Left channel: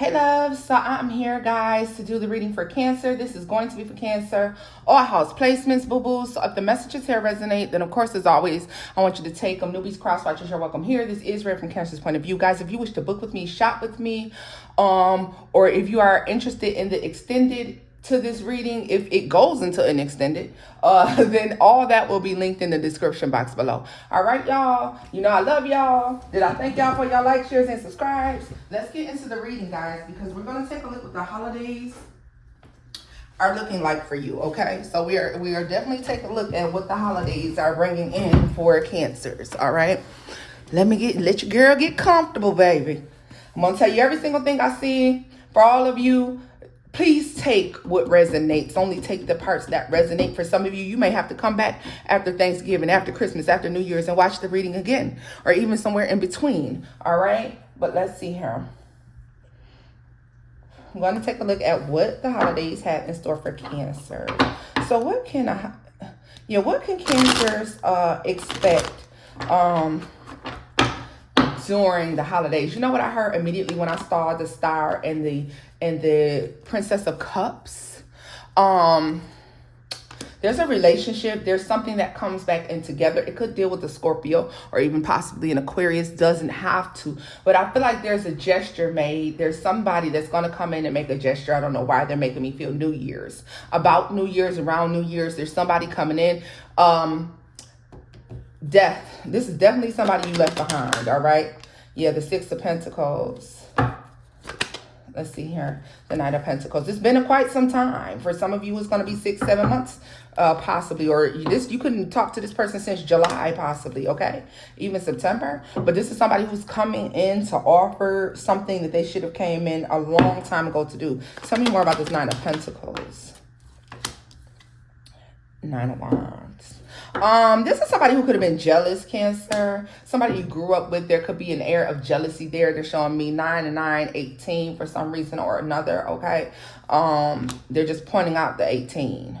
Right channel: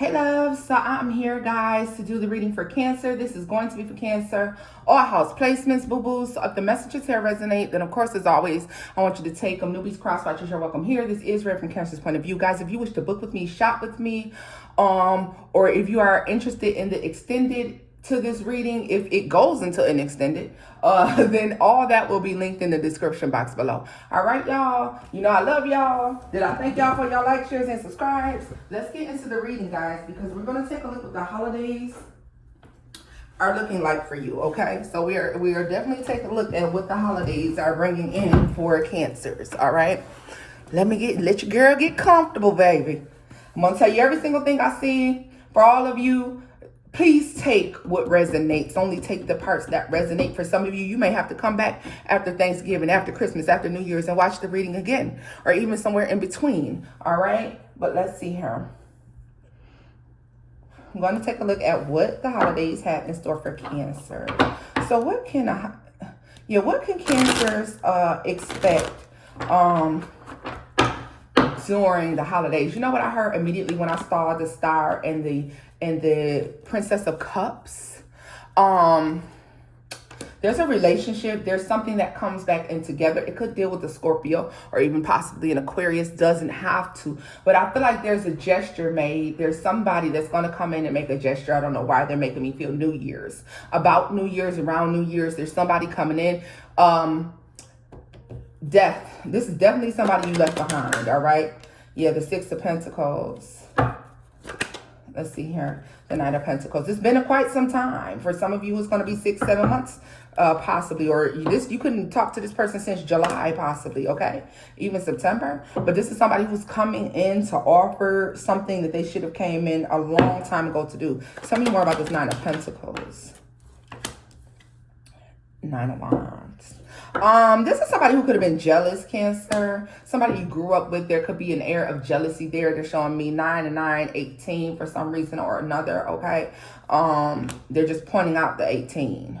Hey loves, so I'm here guys to do the reading for Cancer. This is going to be for Cancer, all house placements, boo-boos. So if the messages here resonate, then of course as always, I want you to take them. Newbies, cross-watchers, you're welcome here. This is read from Cancer's point of view. Guys, if you wish to book with me, shop with me, or if you are interested in the extended to this reading, if it goes into an extended, then all that will be linked in the description box below. All right, y'all. You know I love y'all. Did I thank y'all for y'all likes, shares, and subscribes? Let's get into the reading, guys, because we're gonna take a look at the holidays are looking like for you. Okay, so we are definitely taking a look at what the holidays are bringing in for Cancers. All right, let your girl get comfortable, baby. I'm gonna tell you every single thing I see for all of you. Please take what resonates. Only take the parts that resonate. For some of you, you may have to come back after Thanksgiving, after Christmas, after New Year's, and watch the reading again, or even somewhere in between. All right, but let's see here. I'm going to take a look at what the holidays have in store for Cancer. So what can Cancers expect during the holidays? You know what I heard immediately when I saw the star and the Princess of Cups? There's a relationship. There's something that comes back in together. It could deal with a Scorpio or even possibly an Aquarius. Doesn't have to. But I feel like there's a gesture made. There's somebody that's going to come in and make a gesture. I don't know why they're making me feel New Year's. About New Year's, around New Year's, there's somebody coming in. Death. This is definitely somebody you left behind, all right? Yeah, the Six of Pentacles. Let's see here. The Knight of Pentacles. It's been quite some time. For some of you, it's going to be 6-7 months, possibly. Or you couldn't talk to this person since July, possibly, okay? Even September. But this is somebody who's coming in to offer something that they should have came in a long time ago to do. Tell me more about this Nine of Pentacles. Nine of Wands. This is somebody who could have been jealous, Cancer. Somebody you grew up with. There could be an air of jealousy there. They're showing me 9 and 9, 18 for some reason or another, okay? They're just pointing out the 18.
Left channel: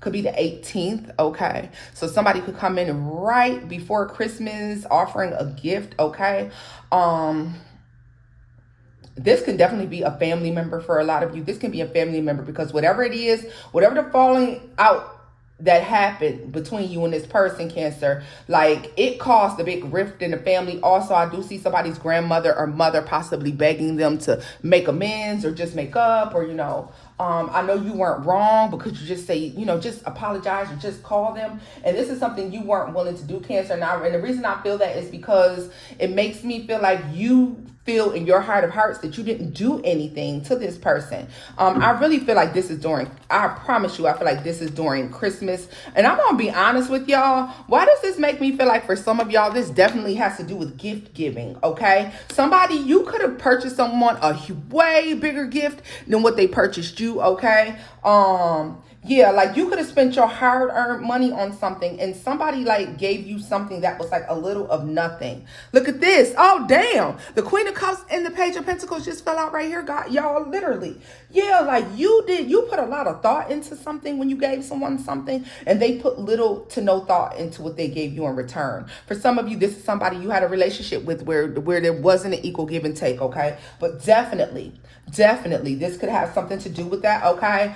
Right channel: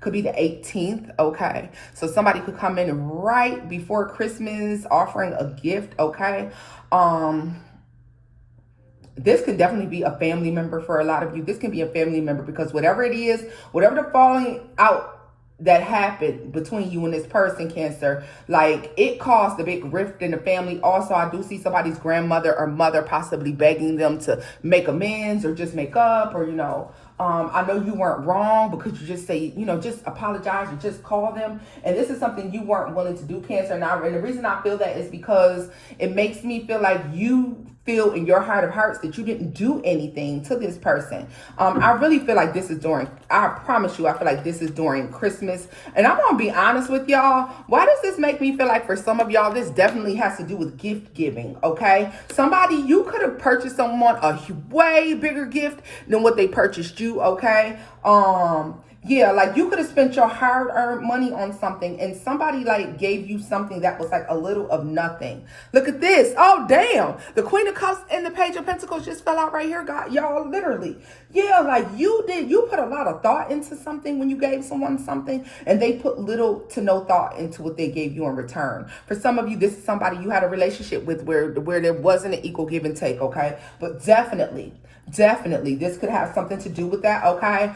Could be the 18th, okay? So somebody could come in right before Christmas offering a gift, okay? This can definitely be a family member for a lot of you. This can be a family member because whatever it is, whatever the falling out that happened between you and this person, Cancer, like it caused a big rift in the family. Also, I do see somebody's grandmother or mother possibly begging them to make amends or just make up, or, I know you weren't wrong, but could you just say, just apologize or just call them? And this is something you weren't willing to do, Cancer. And the reason I feel that is because it makes me feel like you feel in your heart of hearts that you didn't do anything to this person. I really feel like this is I promise you, I feel like this is during Christmas. And I'm gonna be honest with y'all. Why does this make me feel like for some of y'all, this definitely has to do with gift giving, okay? Somebody, you could have purchased someone a way bigger gift than what they purchased you, okay? Yeah, like you could have spent your hard-earned money on something and somebody like gave you something that was like a little of nothing. Look at this. Oh, damn. The Queen of Cups and the Page of Pentacles just fell out right here, God. Y'all, literally. Yeah, like you put a lot of thought into something when you gave someone something, and they put little to no thought into what they gave you in return. For some of you, this is somebody you had a relationship with where there wasn't an equal give and take, okay? But definitely, this could have something to do with that, okay?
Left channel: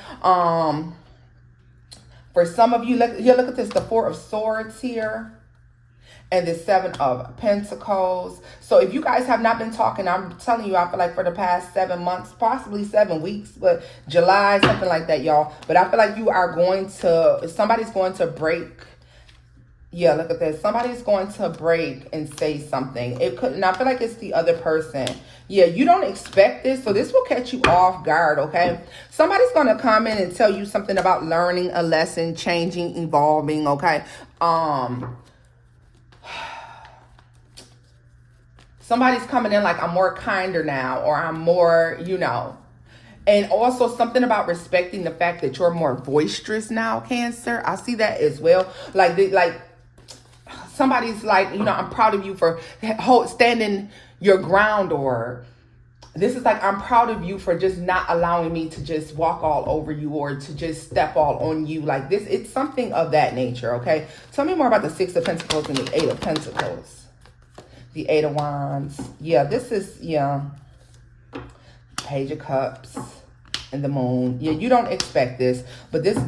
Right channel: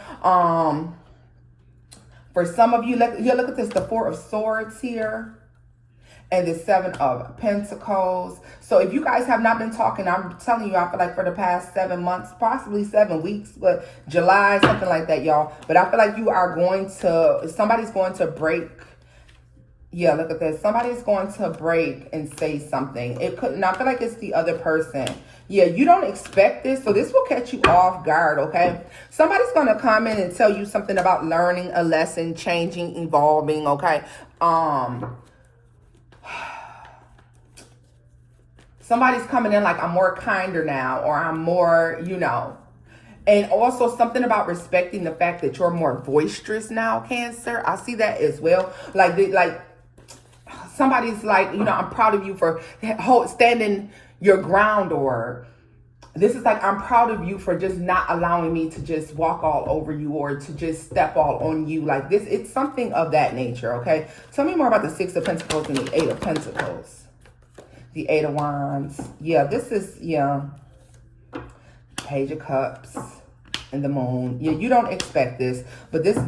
For some of you, look at this, the Four of Swords here and the Seven of Pentacles. So if you guys have not been talking, I'm telling you, I feel like for the past 7 months, possibly 7 weeks, but July, something like that, y'all. But I feel like somebody's going to break. Yeah, look at this. Somebody's going to break and say something. And I feel like it's the other person. Yeah, you don't expect this, so this will catch you off guard, okay? Somebody's going to come in and tell you something about learning a lesson, changing, evolving, okay? Somebody's coming in like, I'm more kinder now, or I'm more, And also something about respecting the fact that you're more boisterous now, Cancer. I see that as well. Somebody's like, I'm proud of you for standing your ground, or this is like, I'm proud of you for just not allowing me to just walk all over you or to just step all on you like this. It's something of that nature, okay? Tell me more about the Six of Pentacles and the Eight of Pentacles. The Eight of Wands. Yeah, this is, yeah. Page of Cups and the Moon. Yeah, you don't expect this, but this,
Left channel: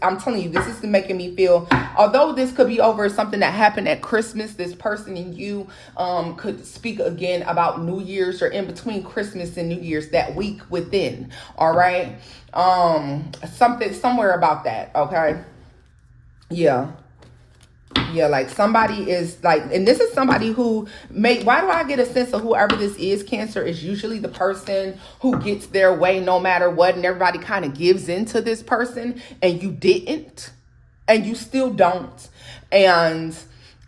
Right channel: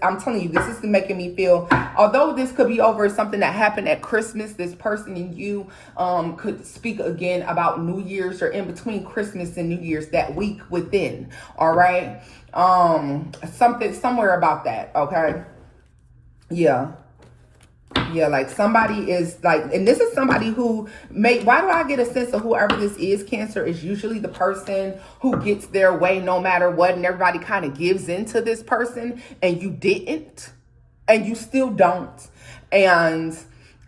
I'm telling you, this is making me feel, although this could be over something that happened at Christmas, this person and you could speak again about New Year's, or in between Christmas and New Year's, that week within, all right? Something, somewhere about that, okay? Yeah. Yeah, like somebody is like, and this is somebody who may, why do I get a sense of whoever this is, Cancer, is usually the person who gets their way no matter what, and everybody kind of gives into this person, and you didn't, and you still don't. And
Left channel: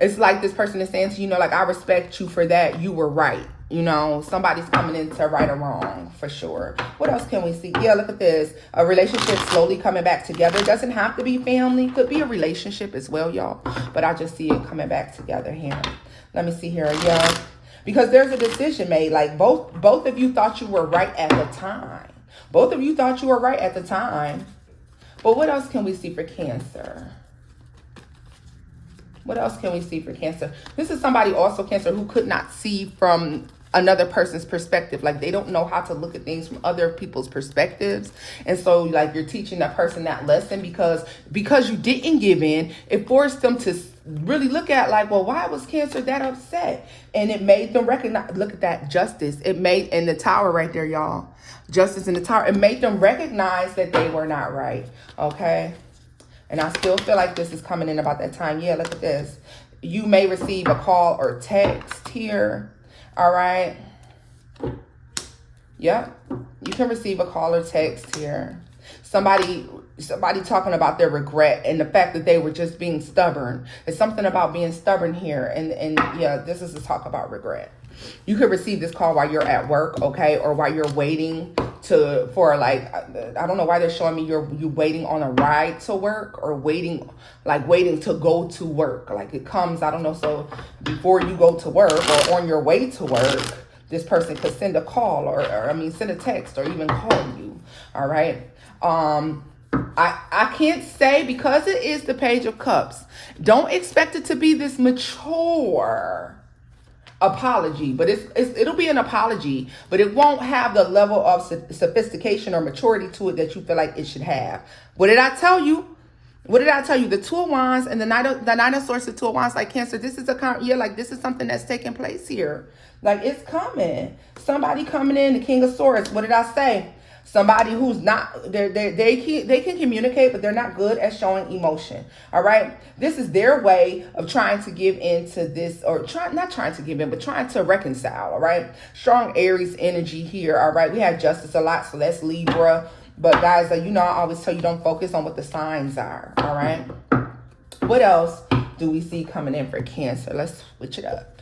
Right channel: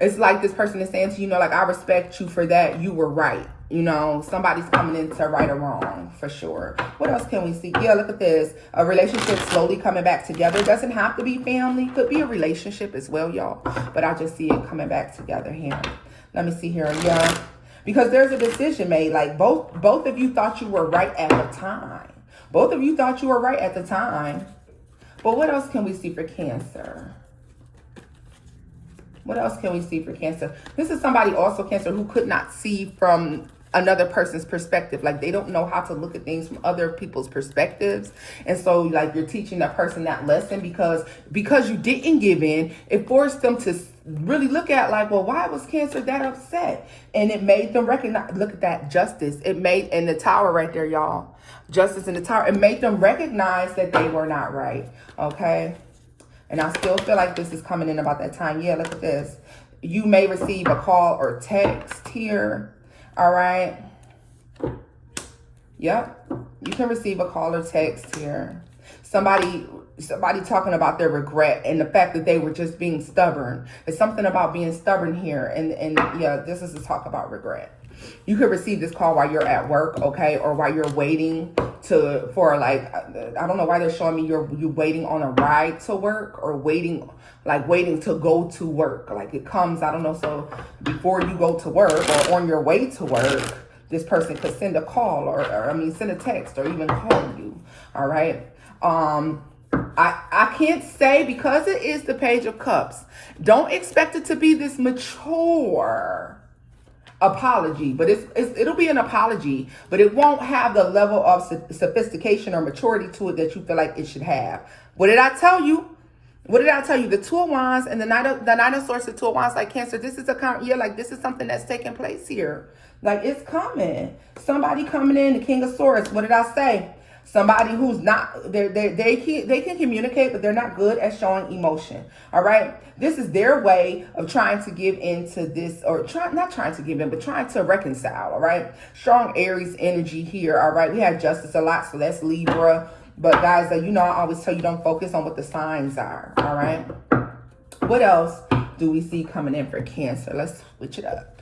it's like this person is saying to you, know, like, I respect you for that. You were right. You know, somebody's coming into right or wrong for sure. What else can we see? Yeah, look at this. A relationship slowly coming back together. It doesn't have to be family. Could be a relationship as well, y'all. But I just see it coming back together here. Let me see here. Yeah, because there's a decision made. Like both of you thought you were right at the time. Both of you thought you were right at the time. But what else can we see for Cancer? What else can we see for Cancer? This is somebody also, Cancer, who could not see from another person's perspective. Like they don't know how to look at things from other people's perspectives. And so like you're teaching that person that lesson because you didn't give in. It forced them to really look at like, well, why was Cancer that upset? And it made them recognize, look at that, justice. It made, in the Tower right there, y'all, justice in the Tower. It made them recognize that they were not right. Okay. And I still feel like this is coming in about that time. Yeah, look at this. You may receive a call or text here. All right. Yep. You can receive a call or text here. Somebody talking about their regret and the fact that they were just being stubborn. It's something about being stubborn here. And yeah, this is a talk about regret. You could receive this call while you're at work, okay, or while you're waiting for like, I don't know why they're showing me you're waiting on a ride to work, or waiting to go to work. Like it comes, I don't know, so before you go to work or on your way to work, this person could send a call or send a text or even call you, all right? I can't say, because it is the Page of Cups, don't expect it to be this mature apology, but it'll be an apology, but it won't have the level of sophistication or maturity to it that you feel like it should have. What did I tell you? What did I tell you? The Two of Wands and the Knight of Swords, the Two of Wands, like Cancer, this is like this is something that's taking place here. Like it's coming. Somebody coming in, the King of Swords. What did I say? Somebody who's not, they can communicate, but they're not good at showing emotion. All right. This is their way of trying to give into this, or not trying to give in, but trying to reconcile. All right. Strong Aries energy here. All right. We have Justice a lot, so that's Libra. But guys, you know, I always tell you, don't focus on what the signs are. All right. What else do we see coming in for Cancer? Let's switch it up.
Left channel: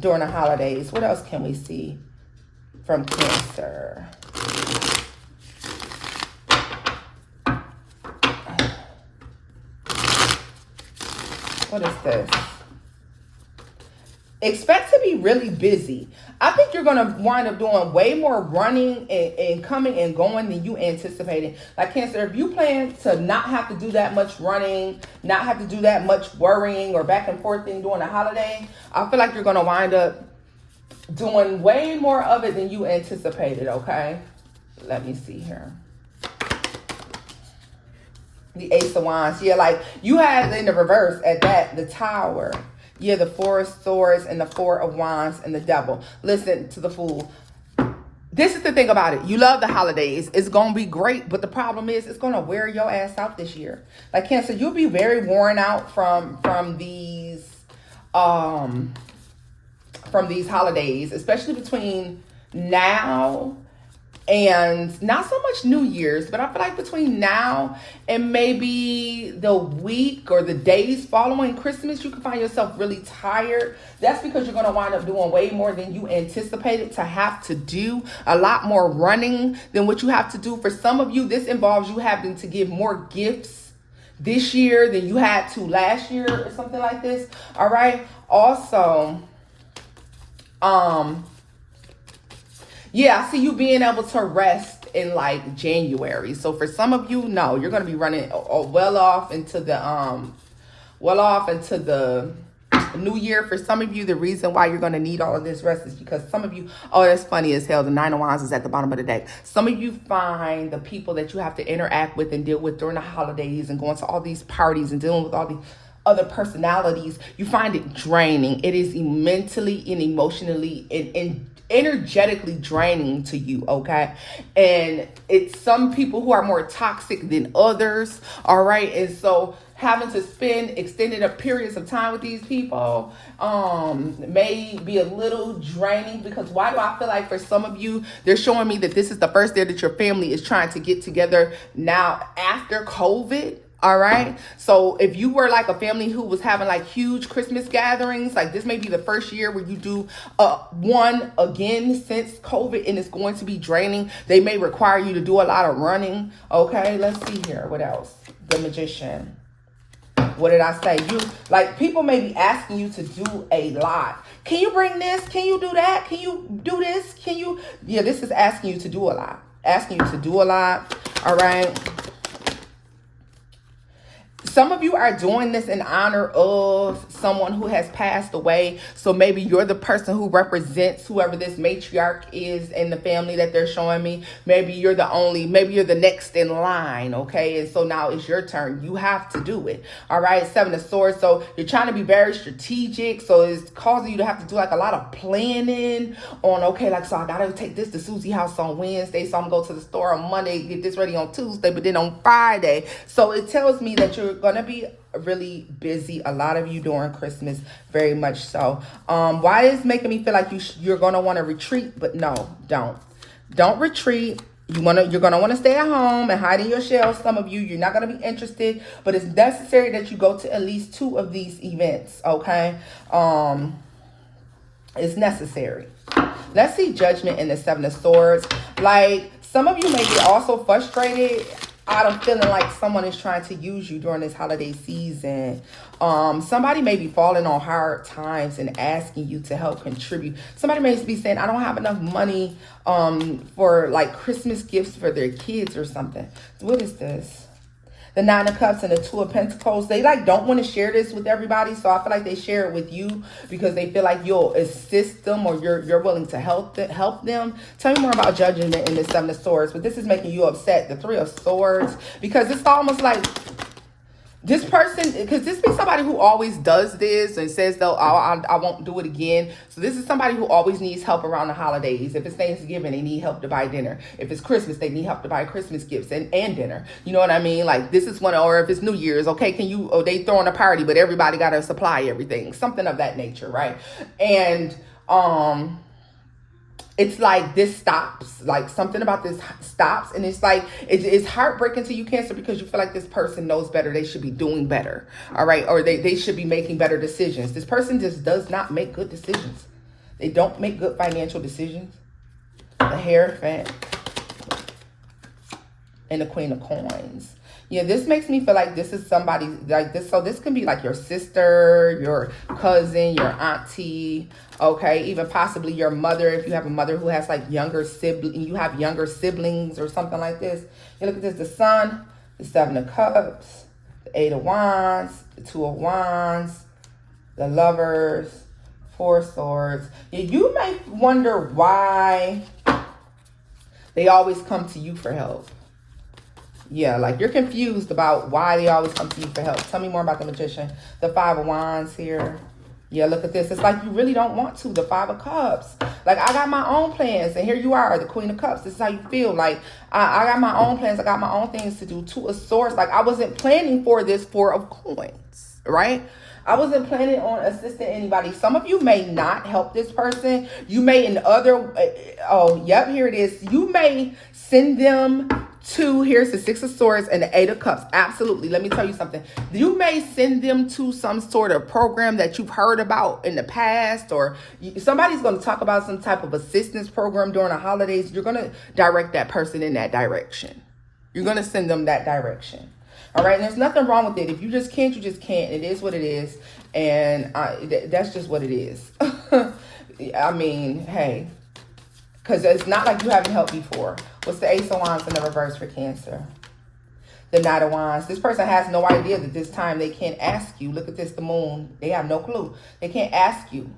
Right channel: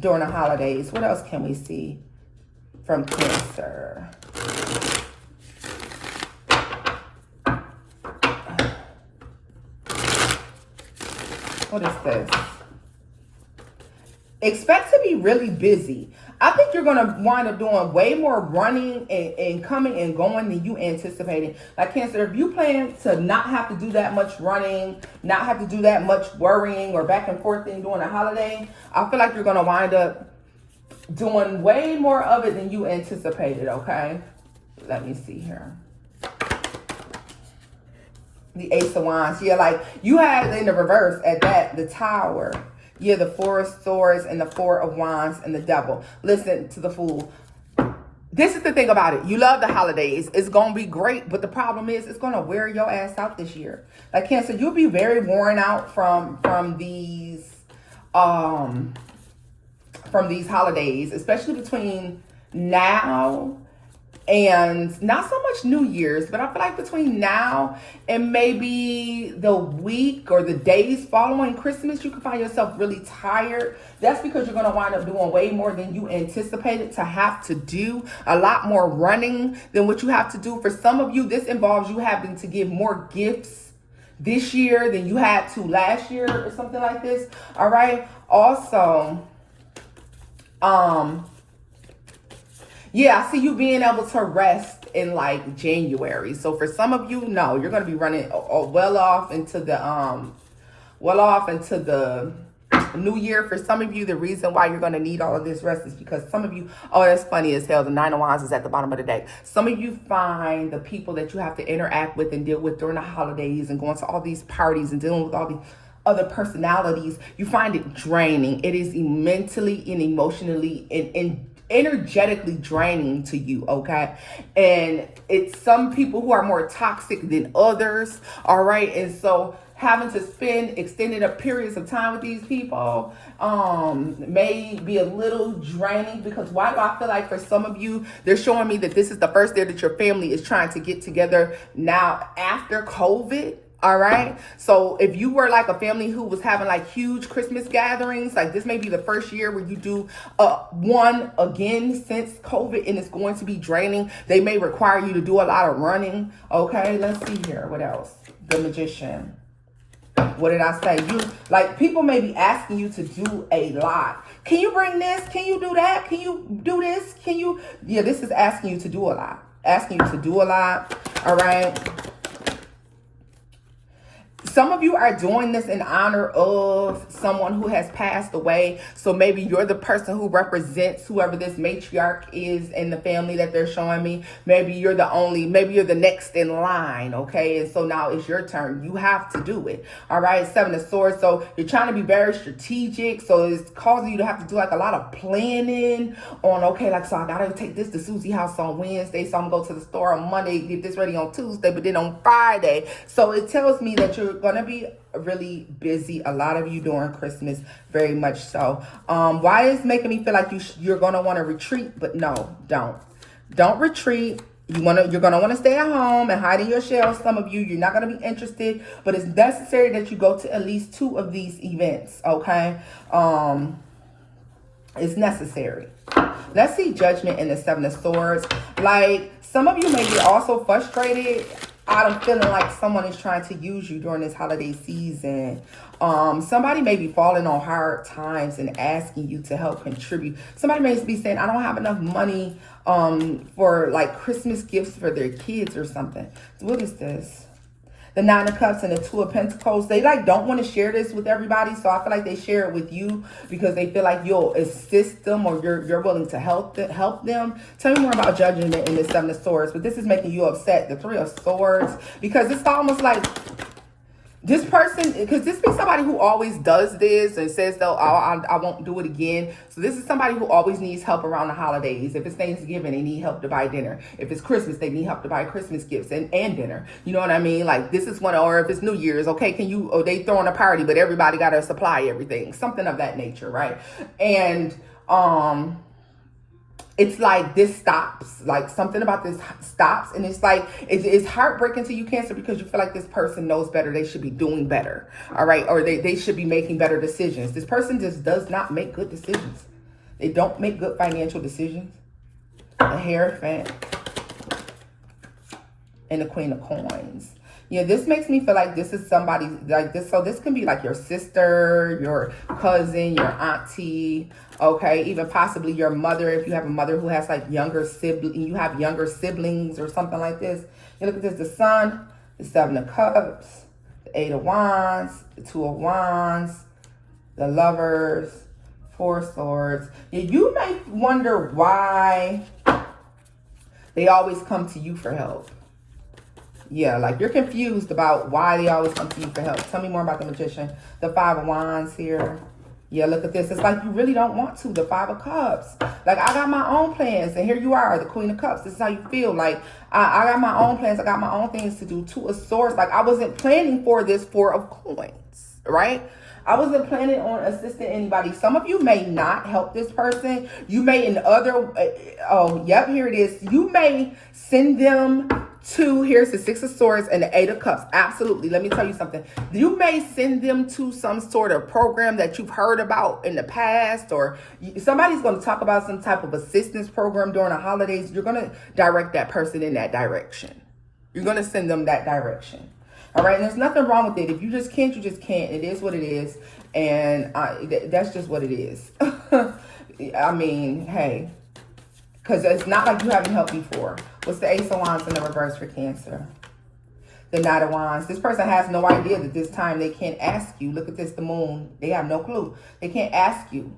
During the holidays, what else can we see from Cancer? What is this? Expect to be really busy. I think you're going to wind up doing way more running and coming and going than you anticipated. Like Cancer, if you plan to not have to do that much running, not have to do that much worrying or back and forth during the holiday, I feel like you're going to wind up doing way more of it than you anticipated, okay? Let me see here. The Ace of Wands. Yeah, like you had in the reverse at that, the Tower. Yeah, the Four of Swords and the Four of Wands and the Devil. Listen to the Fool. This is the thing about it. You love the holidays. It's going to be great. But the problem is it's going to wear your ass out this year. Like Cancer, you'll be very worn out from these holidays, especially between now and not so much New Year's, but I feel like between now and maybe the week or the days following Christmas, you can find yourself really tired. That's because you're going to wind up doing way more than you anticipated to have to do, a lot more running than what you have to do. For some of you, this involves you having to give more gifts this year than you had to last year or something like this. All right. Also, yeah, I see you being able to rest in like January. So for some of you, no, you're going to be running well off into the New Year, for some of you, the reason why you're going to need all of this rest is because some of you, oh, that's funny as hell. The Nine of Wands is at the bottom of the deck. Some of you find the people that you have to interact with and deal with during the holidays and going to all these parties and dealing with all the other personalities, you find it draining. It is mentally and emotionally and energetically draining to you, okay? And it's some people who are more toxic than others, all right? And so having to spend extended periods of time with these people may be a little draining, because why do I feel like for some of you, they're showing me that this is the first year that your family is trying to get together now after COVID. All right. So if you were like a family who was having like huge Christmas gatherings, like this may be the first year where you do one again since COVID, and it's going to be draining. They may require you to do a lot of running. Okay. Let's see here. What else? The Magician. What did I say? You like people may be asking you to do a lot. Can you bring this? Can you do that? Can you do this? Can you? Yeah, this is asking you to do a lot. Asking you to do a lot. All right. Some of you are doing this in honor of someone who has passed away. So maybe you're the person who represents whoever this matriarch is in the family that they're showing me. Maybe you're maybe you're the next in line, okay? And so now it's your turn. You have to do it, all right? Seven of Swords. So you're trying to be very strategic. So it's causing you to have to do like a lot of planning on, okay, like, so I got to take this to Susie's house on Wednesday. So I'm going to go to the store on Monday, get this ready on Tuesday, but then on Friday. So it tells me that you're going to be really busy, a lot of you during Christmas, very much so. Why is making me feel like you're going to want to retreat? But no, don't retreat. You're gonna want to stay at home and hide in your shell. Some of you, you're not gonna be interested, but it's necessary that you go to at least 2 of these events, okay? It's necessary. Let's see Judgment in the Seven of Swords. Like, some of you may get also frustrated out of feeling like someone is trying to use you during this holiday season. Somebody may be falling on hard times and asking you to help contribute. Somebody may be saying, I don't have enough money for like Christmas gifts for their kids or something. What is this? The Nine of Cups and the Two of Pentacles. They like don't want to share this with everybody, so I feel like they share it with you because they feel like you'll assist them or you're willing to help them. Tell me more about Judgment in the Seven of Swords. But this is making you upset. The Three of Swords, because it's almost like this person, because this be somebody who always does this and says, though, I won't do it again. So this is somebody who always needs help around the holidays. If it's Thanksgiving, they need help to buy dinner. If it's Christmas, they need help to buy Christmas gifts and dinner. You know what I mean? Like this is one, or if it's New Year's, okay, they throwing a party, but everybody got to supply everything. Something of that nature, right? And, it's like this stops, like something about this stops. And it's like, it's heartbreaking to you, Cancer, because you feel like this person knows better. They should be doing better. All right. Or they should be making better decisions. This person just does not make good decisions. They don't make good financial decisions. The Hierophant and the Queen of Coins. Yeah, this makes me feel like this is somebody like this. So this can be like your sister, your cousin, your auntie, okay, even possibly your mother. If you have a mother who has like younger siblings or something like this. You look at this, the Sun, the Seven of Cups, the Eight of Wands, the Two of Wands, the Lovers, Four of Swords. Yeah, you may wonder why they always come to you for help. Yeah, like you're confused about why they always come to you for help. Tell me more about the Magician. The Five of Wands here. Yeah, look at this. It's like you really don't want to. The Five of Cups. Like, I got my own plans. And here you are, the Queen of Cups. This is how you feel. Like, I got my own plans. I got my own things to do. Two of Swords. Like, I wasn't planning for this Four of Coins, right? I wasn't planning on assisting anybody. Some of you may not help this person. You may here it is. You may send them to, here's the Six of Swords and the Eight of Cups. Absolutely. Let me tell you something. You may send them to some sort of program that you've heard about in the past, or somebody's going to talk about some type of assistance program during the holidays. You're going to direct that person in that direction. You're going to send them that direction. All right. And there's nothing wrong with it. If you just can't, you just can't. It is what it is. And that's just what it is. I mean, hey, because it's not like you haven't helped before. What's the Ace of Wands in the reverse for Cancer? The Knight of Wands. This person has no idea that this time they can't ask you. Look at this, the Moon. They have no clue. They can't ask you.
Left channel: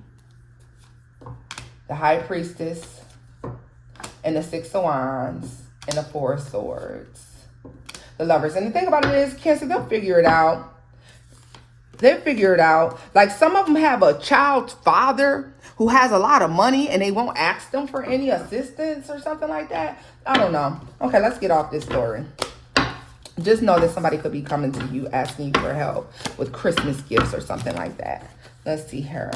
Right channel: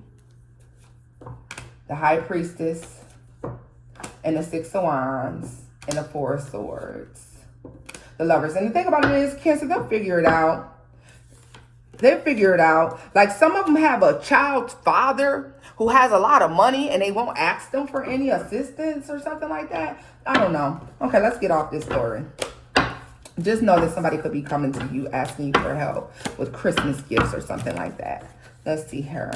The High Priestess. And the Six of Wands. And the Four of Swords. The Lovers. And the thing about it is, Cancer, they'll figure it out. They'll figure it out. Like, some of them have a child's father who has a lot of money and they won't ask them for any assistance or something like that. I don't know. Okay, let's get off this story. Just know that somebody could be coming to you asking you for help with Christmas gifts or something like that. Let's see here.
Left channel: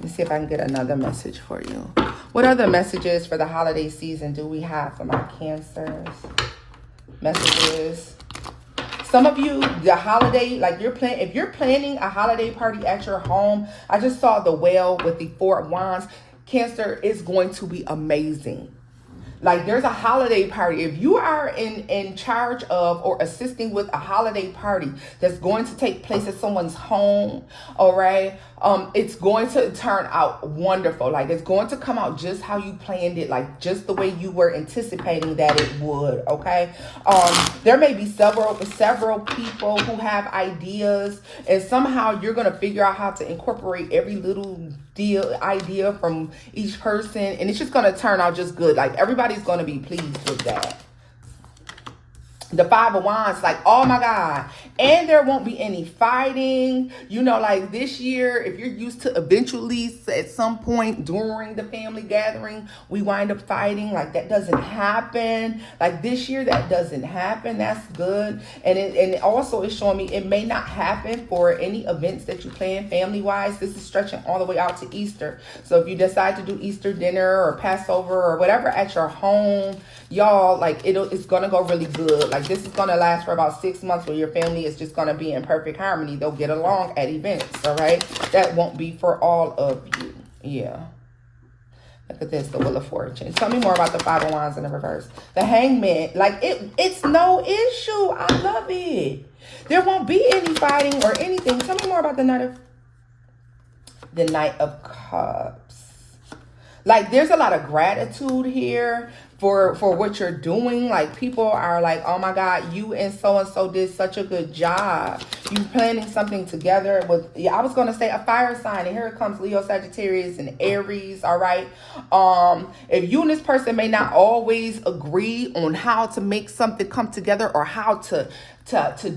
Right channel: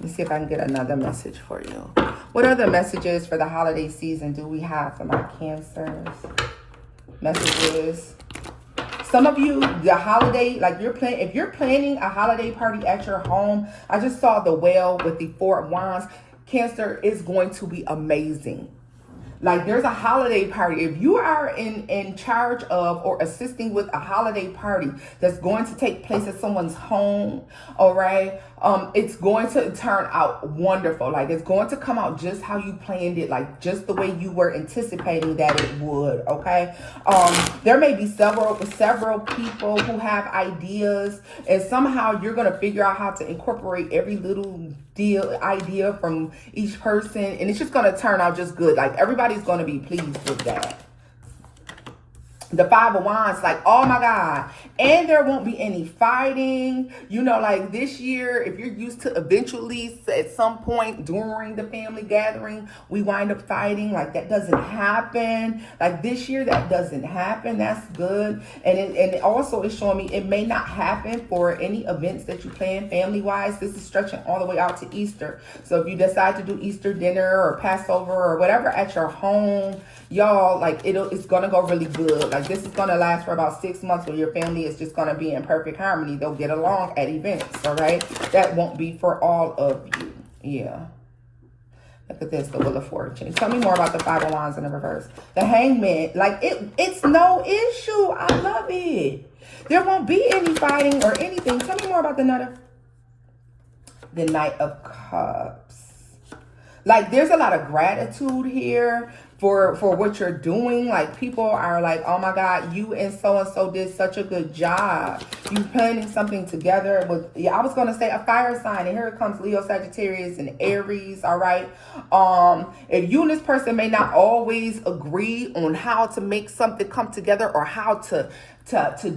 Let's see if I can get another message for you. What other messages for the holiday season do we have for my Cancers? Messages. Some of you, the holiday, like if you're planning a holiday party at your home, I just saw the whale with the Four of Wands. Cancer, is going to be amazing. Like, there's a holiday party. If you are in charge of or assisting with a holiday party that's going to take place at someone's home, all right, it's going to turn out wonderful. Like, it's going to come out just how you planned it, like just the way you were anticipating that it would, okay? There may be several people who have ideas, and somehow you're going to figure out how to incorporate every little idea from each person, and it's just going to turn out just good. Like, everybody's going to be pleased with that. The Five of Wands, like, oh my God. And there won't be any fighting. You know, like, this year, if you're used to eventually at some point during the family gathering, we wind up fighting, like, that doesn't happen. Like, this year, that doesn't happen. That's good. And it also is showing me it may not happen for any events that you plan family-wise. This is stretching all the way out to Easter. So if you decide to do Easter dinner or Passover or whatever at your home, y'all, like, it's going to go really good. Like, this is going to last for about 6 months where your family is just going to be in perfect harmony. They'll get along at events, all right? That won't be for all of you. Yeah. Look at this, the Wheel of Fortune. Tell me more about the Five of Wands in the reverse. The Hangman, like, it's no issue. I love it. There won't be any fighting or anything. Tell me more about the Knight of Cups. Like, there's a lot of gratitude here for what you're doing. Like, people are like, oh my God, you and so did such a good job. You planning something together with, yeah, I was going to say a fire sign, and here it comes, Leo, Sagittarius, and Aries, all right? If you and this person may not always agree on how to make something come together or how to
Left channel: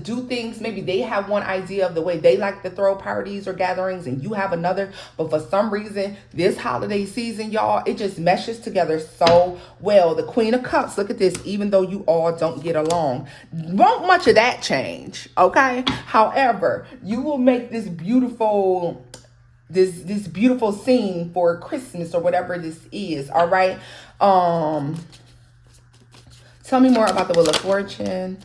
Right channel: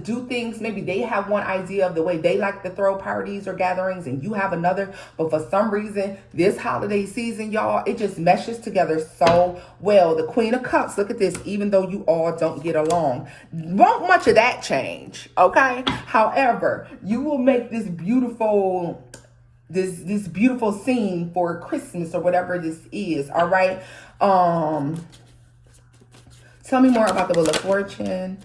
do things, maybe they have one idea of the way they like to throw parties or gatherings and you have another, but for some reason this holiday season, y'all, it just meshes together so well. The Queen of Cups, look at this, even though you all don't get along, won't much of that change, okay? However, you will make this beautiful scene for Christmas or whatever this is, all right? Tell me more about the Wheel of Fortune.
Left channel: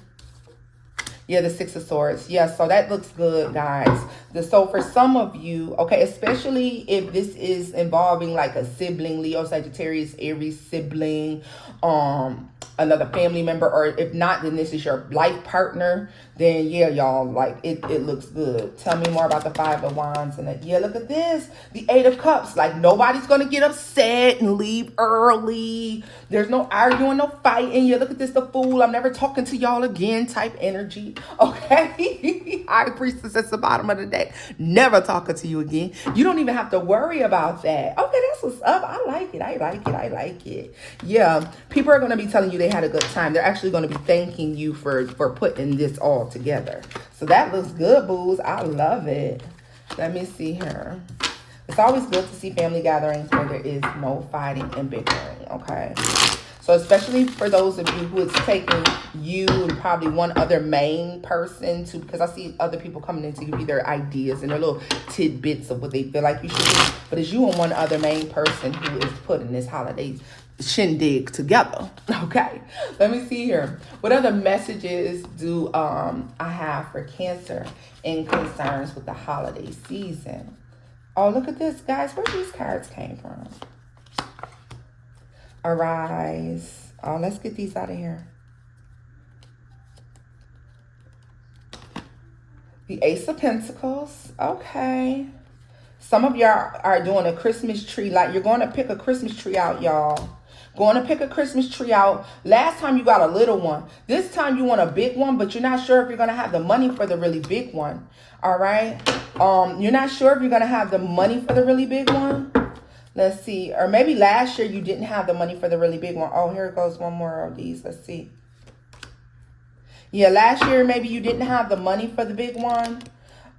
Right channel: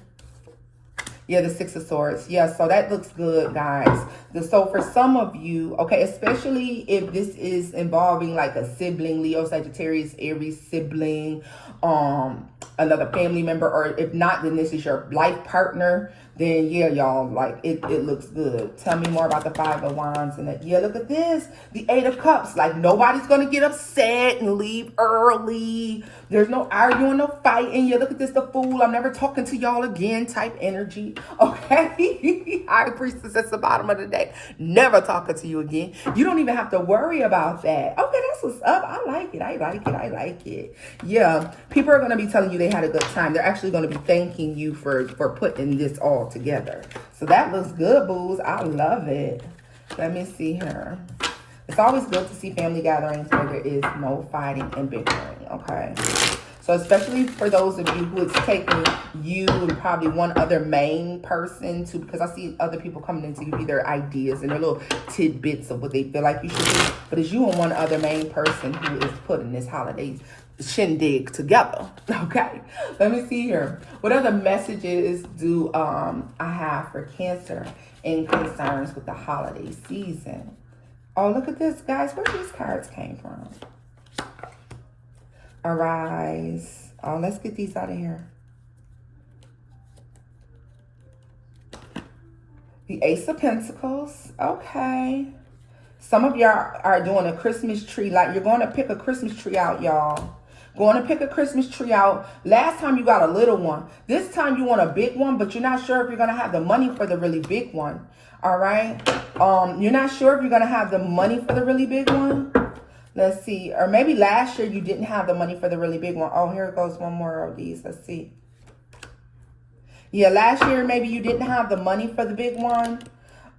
Yeah, the Six of Swords. Yeah, so that looks good, guys. So for some of you, okay, especially if this is involving like a sibling, Leo, Sagittarius, Aries sibling, another family member, or if not, then this is your life partner, then yeah, y'all, like, it looks good. Tell me more about the Five of Wands. And yeah, look at this, the Eight of Cups. Like, nobody's gonna get upset and leave early. There's no arguing, no fighting. Yeah, look at this, the Fool. I'm never talking to y'all again type energy, okay? High Priestess at the bottom of the deck, never talking to you again. You don't even have to worry about that. Okay, that's what's up. I like it. I like it. Yeah, people are going to be telling you they had a good time. They're actually going to be thanking you for putting this all together. So that looks good, booze. I love it. Let me see here. It's always good to see family gatherings where there is no fighting and bickering, okay? So especially for those of you who it's taking you and probably one other main person to, because I see other people coming in to give you their ideas and their little tidbits of what they feel like you should do. But it's you and one other main person who is putting this holiday shindig together, okay? Let me see here. What other messages do I have for Cancer in concerns with the holiday season? Oh, look at this, guys. Where these cards came from? Arise. Oh, let's get these out of here. The Ace of Pentacles. Okay. Some of y'all are doing a Christmas tree. Like, you're going to pick a Christmas tree out, y'all, Going to pick a Christmas tree out. Last time you got a little one. This time you want a big one, but you're not sure if you're going to have the money for the really big one. All right. You're not sure if you're going to have the money for the really big one. Let's see. Or maybe last year you didn't have the money for the really big one. Oh, here goes one more of these. Let's see. Yeah, last year maybe you didn't have the money for the big one.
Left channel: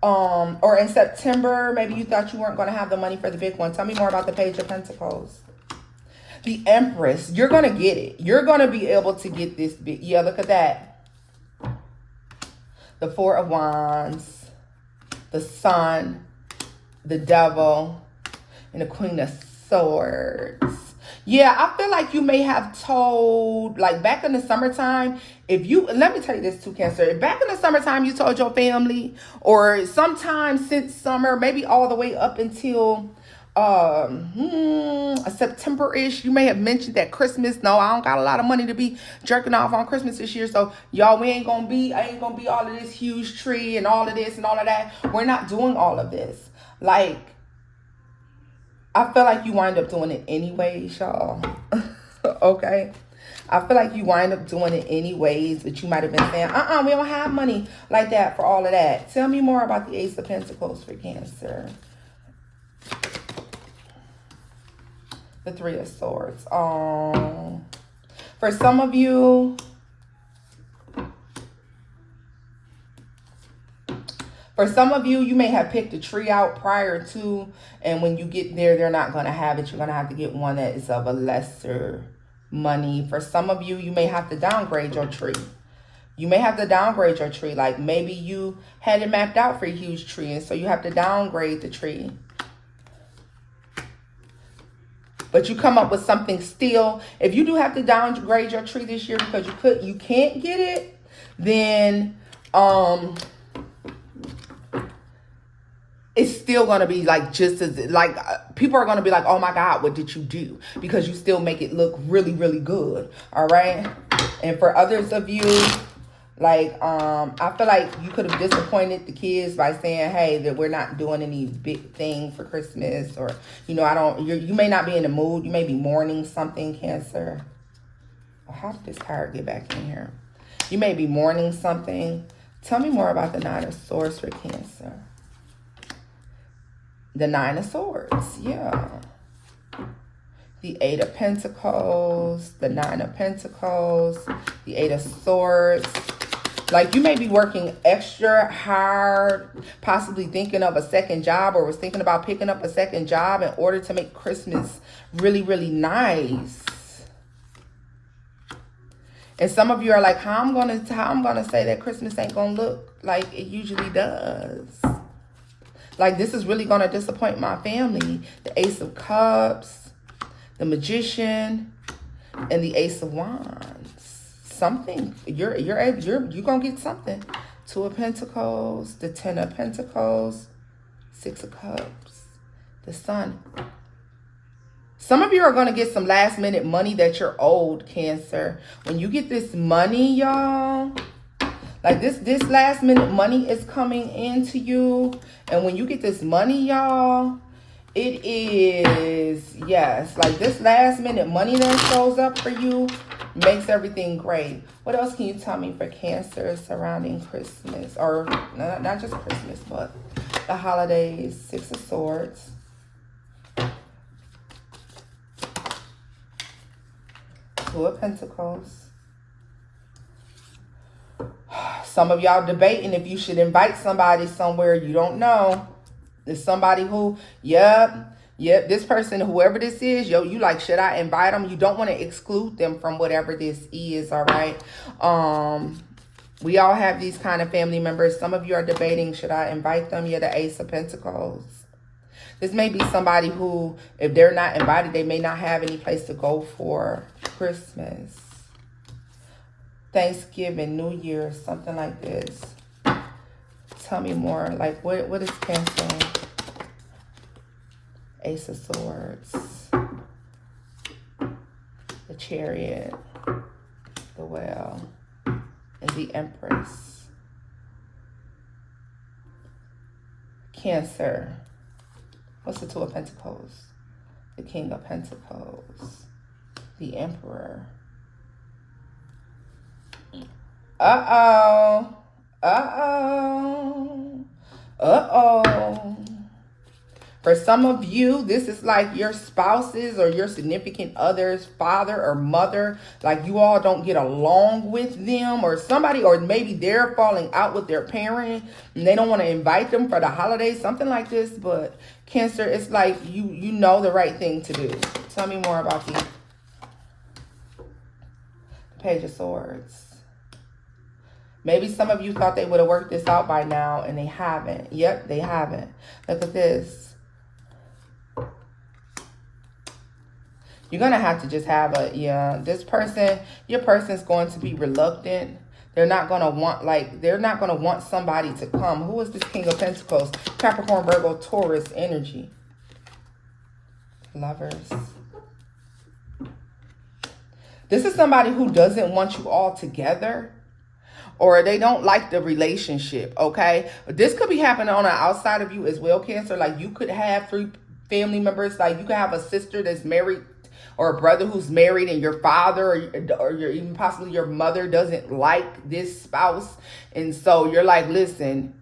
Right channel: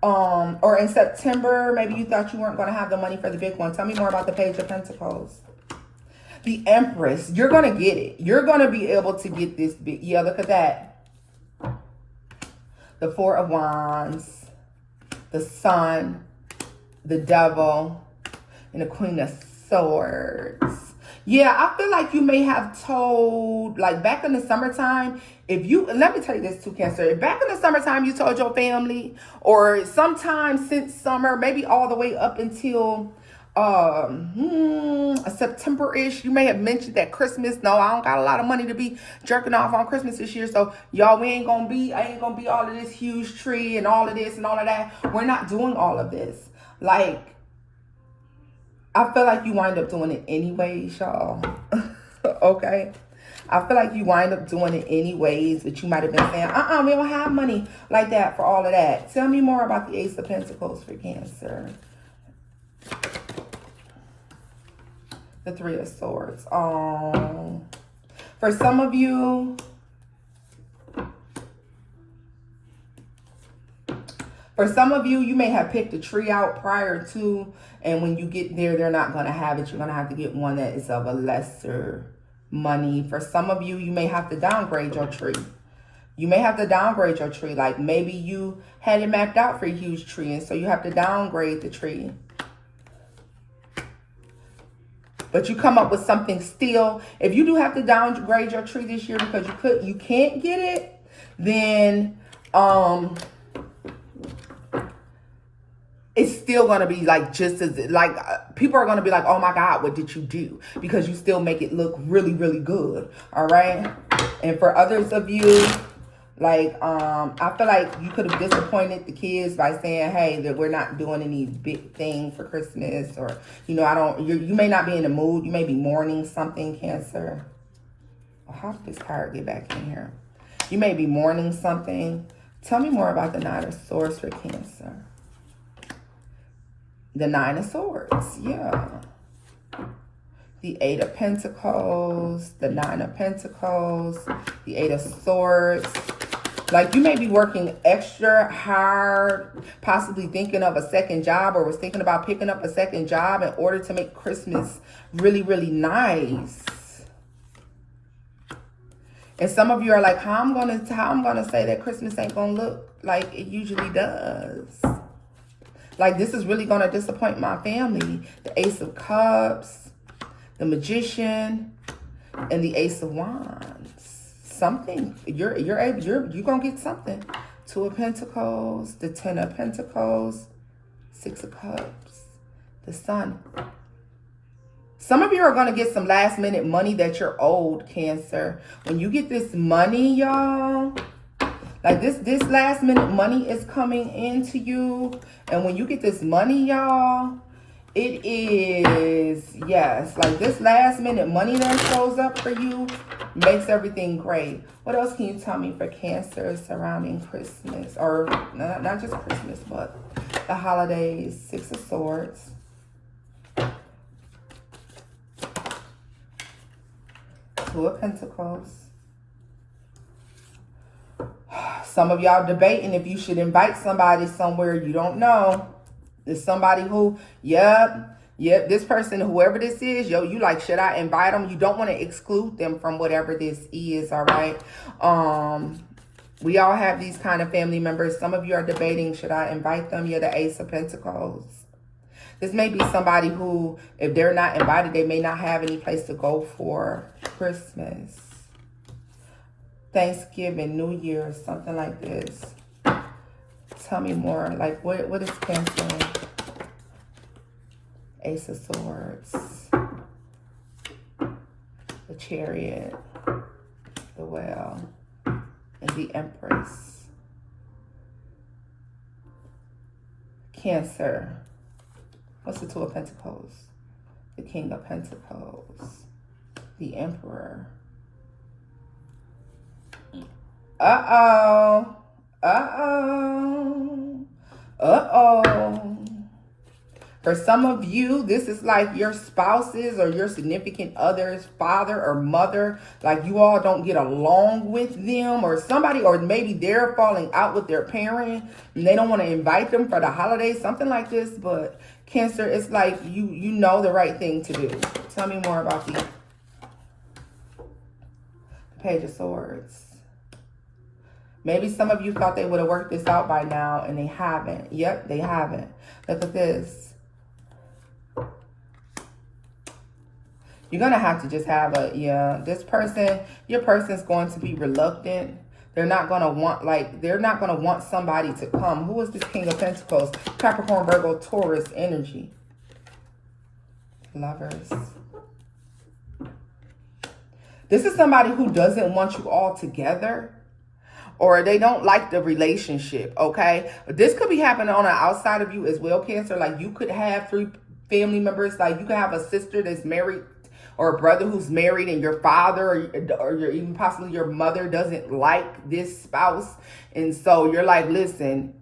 Or in September, maybe you thought you weren't going to have the money for the big one. Tell me more about the Page of Pentacles. The Empress. You're going to get it. You're going to be able to get this big. Yeah, look at that. The Four of Wands. The Sun. The Devil. And the Queen of Swords. Yeah, I feel like you may have told, like back in the summertime, if you, let me tell you this too, Cancer. If back in the summertime you told your family, or sometime since summer, maybe all the way up until September-ish, you may have mentioned that Christmas, no, I don't got a lot of money to be jerking off on Christmas this year, so y'all, I ain't gonna be all of this huge tree and all of this and all of that. We're not doing all of this. Like, I feel like you wind up doing it anyways, y'all. Okay? I feel like you wind up doing it anyways, but you might have been saying, we don't have money like that for all of that. Tell me more about the Ace of Pentacles for Cancer. The Three of Swords. For some of you, you may have picked a tree out prior to, and when you get there, they're not going to have it. You're going to have to get one that is of a lesser money. For some of you, you may have to downgrade your tree. You may have to downgrade your tree. Like maybe you had it mapped out for a huge tree, and so you have to downgrade the tree. But you come up with something still. If you do have to downgrade your tree this year because you can't get it, then it's still going to be like just as like people are going to be like, oh my God, what did you do? Because you still make it look really, really good. All right. And for others of you, like, I feel like you could have disappointed the kids by saying, hey, that we're not doing any big thing for Christmas, or, you know, you may not be in the mood. You may be mourning something, Cancer. How did this card get back in here? You may be mourning something. Tell me more about the Nine of Swords for Cancer. The Nine of Swords, yeah. The Eight of Pentacles, the Nine of Pentacles, the Eight of Swords. Like you may be working extra hard, possibly thinking of a second job, or was thinking about picking up a second job in order to make Christmas really, really nice. And some of you are like, how I'm gonna say that Christmas ain't gonna look like it usually does. Like, this is really going to disappoint my family. The Ace of Cups, the Magician, and the Ace of Wands. Something. You're going to get something. Two of Pentacles, the Ten of Pentacles, Six of Cups, the Sun. Some of you are going to get some last minute money that you're owed, Cancer. When you get this money, y'all, like this last minute money is coming into you. And when you get this money, y'all, it is, yes, like this last minute money that shows up for you makes everything great. What else can you tell me for Cancer surrounding Christmas? Or not just Christmas, but the holidays. Six of Swords. Two of Pentacles. Some of y'all debating if you should invite somebody somewhere you don't know. There's somebody who, yep, this person, whoever this is, you like, should I invite them? You don't want to exclude them from whatever this is, all right? We all have these kind of family members. Some of you are debating, should I invite them? You're the Ace of Pentacles. This may be somebody who, if they're not invited, they may not have any place to go for Christmas, Thanksgiving, New Year, something like this. Tell me more. Like, what is Cancer? Ace of Swords. The Chariot. The Well. And the Empress. Cancer. What's the Two of Pentacles? The King of Pentacles. The Emperor. Uh-oh. Uh-oh. Uh-oh. For some of you, this is like your spouse's or your significant other's father or mother. Like you all don't get along with them, or somebody, or maybe they're falling out with their parent and they don't want to invite them for the holidays, something like this. But Cancer, it's like you know the right thing to do. Tell me more about the Page of Swords. Maybe some of you thought they would have worked this out by now and they haven't. Yep, they haven't. Look at this. You're going to have to just have this person, your person's going to be reluctant. They're not going to want, they're not going to want somebody to come. Who is this King of Pentacles? Capricorn, Virgo, Taurus energy. Lovers. This is somebody who doesn't want you all together, or they don't like the relationship, okay? But this could be happening on the outside of you as well, Cancer. Like you could have 3 family members. Like you could have a sister that's married, or a brother who's married, and your father or your, even possibly your mother doesn't like this spouse. And so you're like, listen,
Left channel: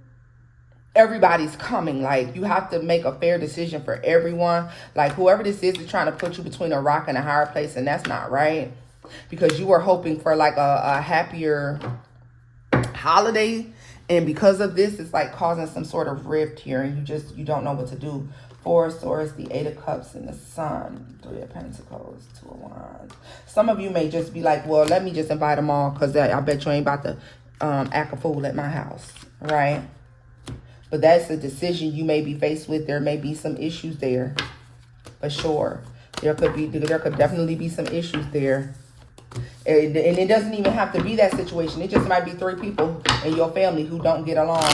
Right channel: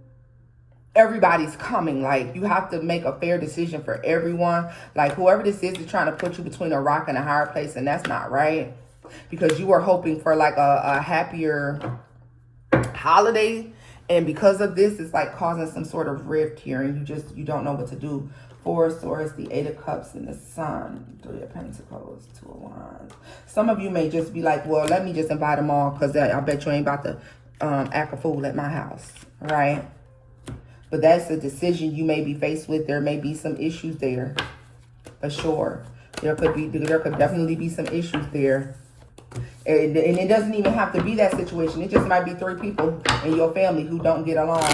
everybody's coming. Like you have to make a fair decision for everyone. Like whoever this is trying to put you between a rock and a hard place, and that's not right. Because you were hoping for like a happier holiday, and because of this, it's like causing some sort of rift here, and you don't know what to do. 4 of Swords, the 8 of Cups, and the Sun. 3 of Pentacles, 2 of Wands. Some of you may just be like, well, let me just invite them all, because I bet you ain't about to act a fool at my house, right? But that's a decision you may be faced with. There may be some issues there, for sure. There could definitely be some issues there. And it doesn't even have to be that situation. It just might be 3 people in your family who don't get along,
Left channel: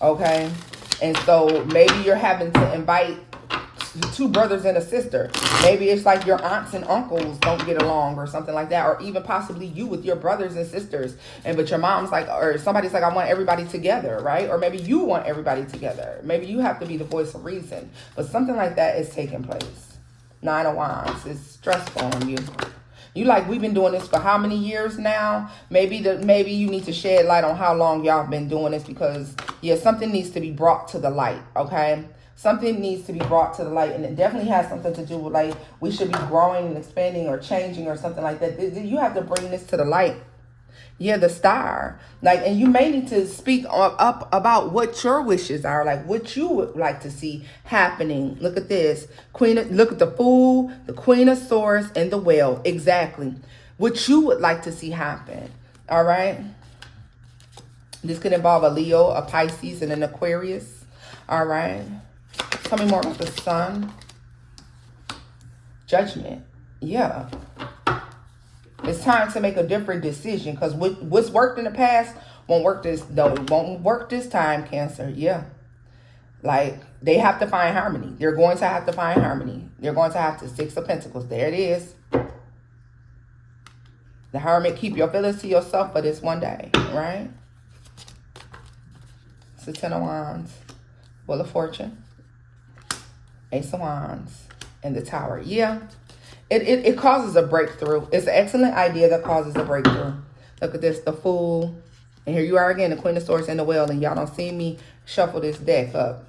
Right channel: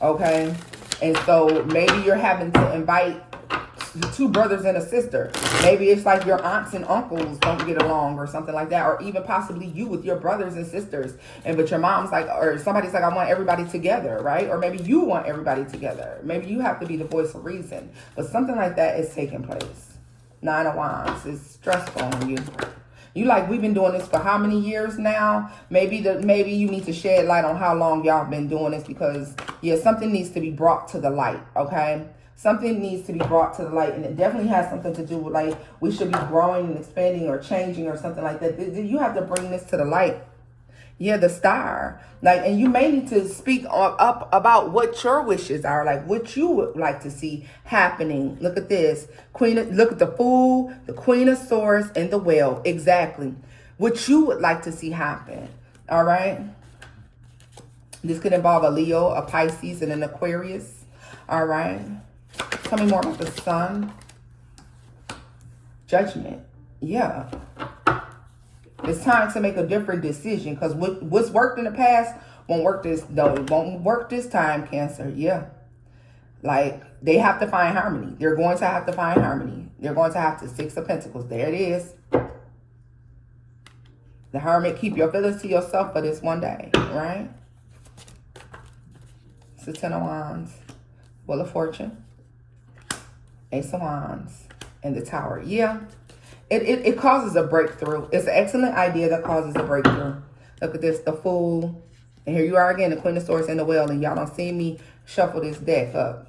okay? And so maybe you're having to invite 2 brothers and a sister. Maybe it's like your aunts and uncles don't get along or something like that. Or even possibly you with your brothers and sisters. But your mom's like, or somebody's like, I want everybody together, right? Or maybe you want everybody together. Maybe you have to be the voice of reason. But something like that is taking place. 9 of Wands is stressful on you. You like, we've been doing this for how many years now? Maybe you need to shed light on how long y'all been doing this, because yeah, something needs to be brought to the light, okay? Something needs to be brought to the light, and it definitely has something to do with like we should be growing and expanding or changing or something like that. You have to bring this to the light. Yeah, the Star. Like, and you may need to speak up about what your wishes are, like what you would like to see happening. Look at this. Look at the Fool, the Queen of Swords, and the Whale. Exactly. What you would like to see happen. All right. This could involve a Leo, a Pisces, and an Aquarius. All right. Tell me more about the Sun. Judgment. Yeah. It's time to make a different decision, because what's worked in the past won't work it won't work this time, Cancer. Yeah. Like, they have to find harmony. They're going to have to find harmony. They're going to have to 6 of Pentacles. There it is. The Hermit, keep your feelings to yourself for this one day, right? It's the 10 of Wands. Wheel of Fortune. Ace of Wands. And the Tower. Yeah. It causes a breakthrough. It's an excellent idea that causes a breakthrough. Look at this, the Fool. And here you are again, the Queen of Swords and the Whale. And y'all don't see me shuffle this deck up.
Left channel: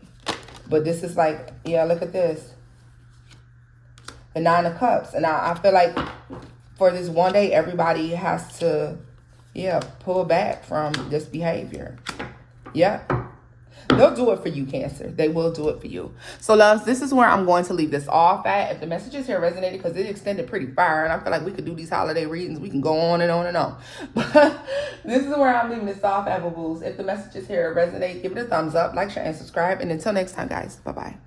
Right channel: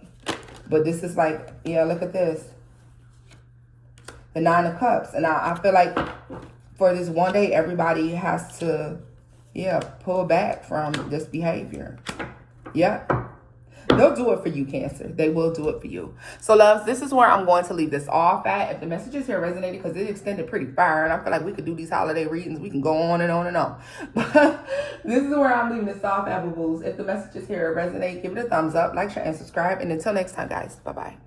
But this is like, yeah, look at this. The 9 of Cups. And I feel like for this one day, everybody has to, yeah, pull back from this behavior. Yeah. They'll do it for you, Cancer. They will do it for you. So, loves, this is where I'm going to leave this off at. If the messages here resonated, because it extended pretty far, and I feel like we could do these holiday readings. We can go on and on and on. But this is where I'm leaving this off at, boo-boos. If the messages here resonate, give it a thumbs up, like, share, and subscribe. And until next time, guys, bye-bye.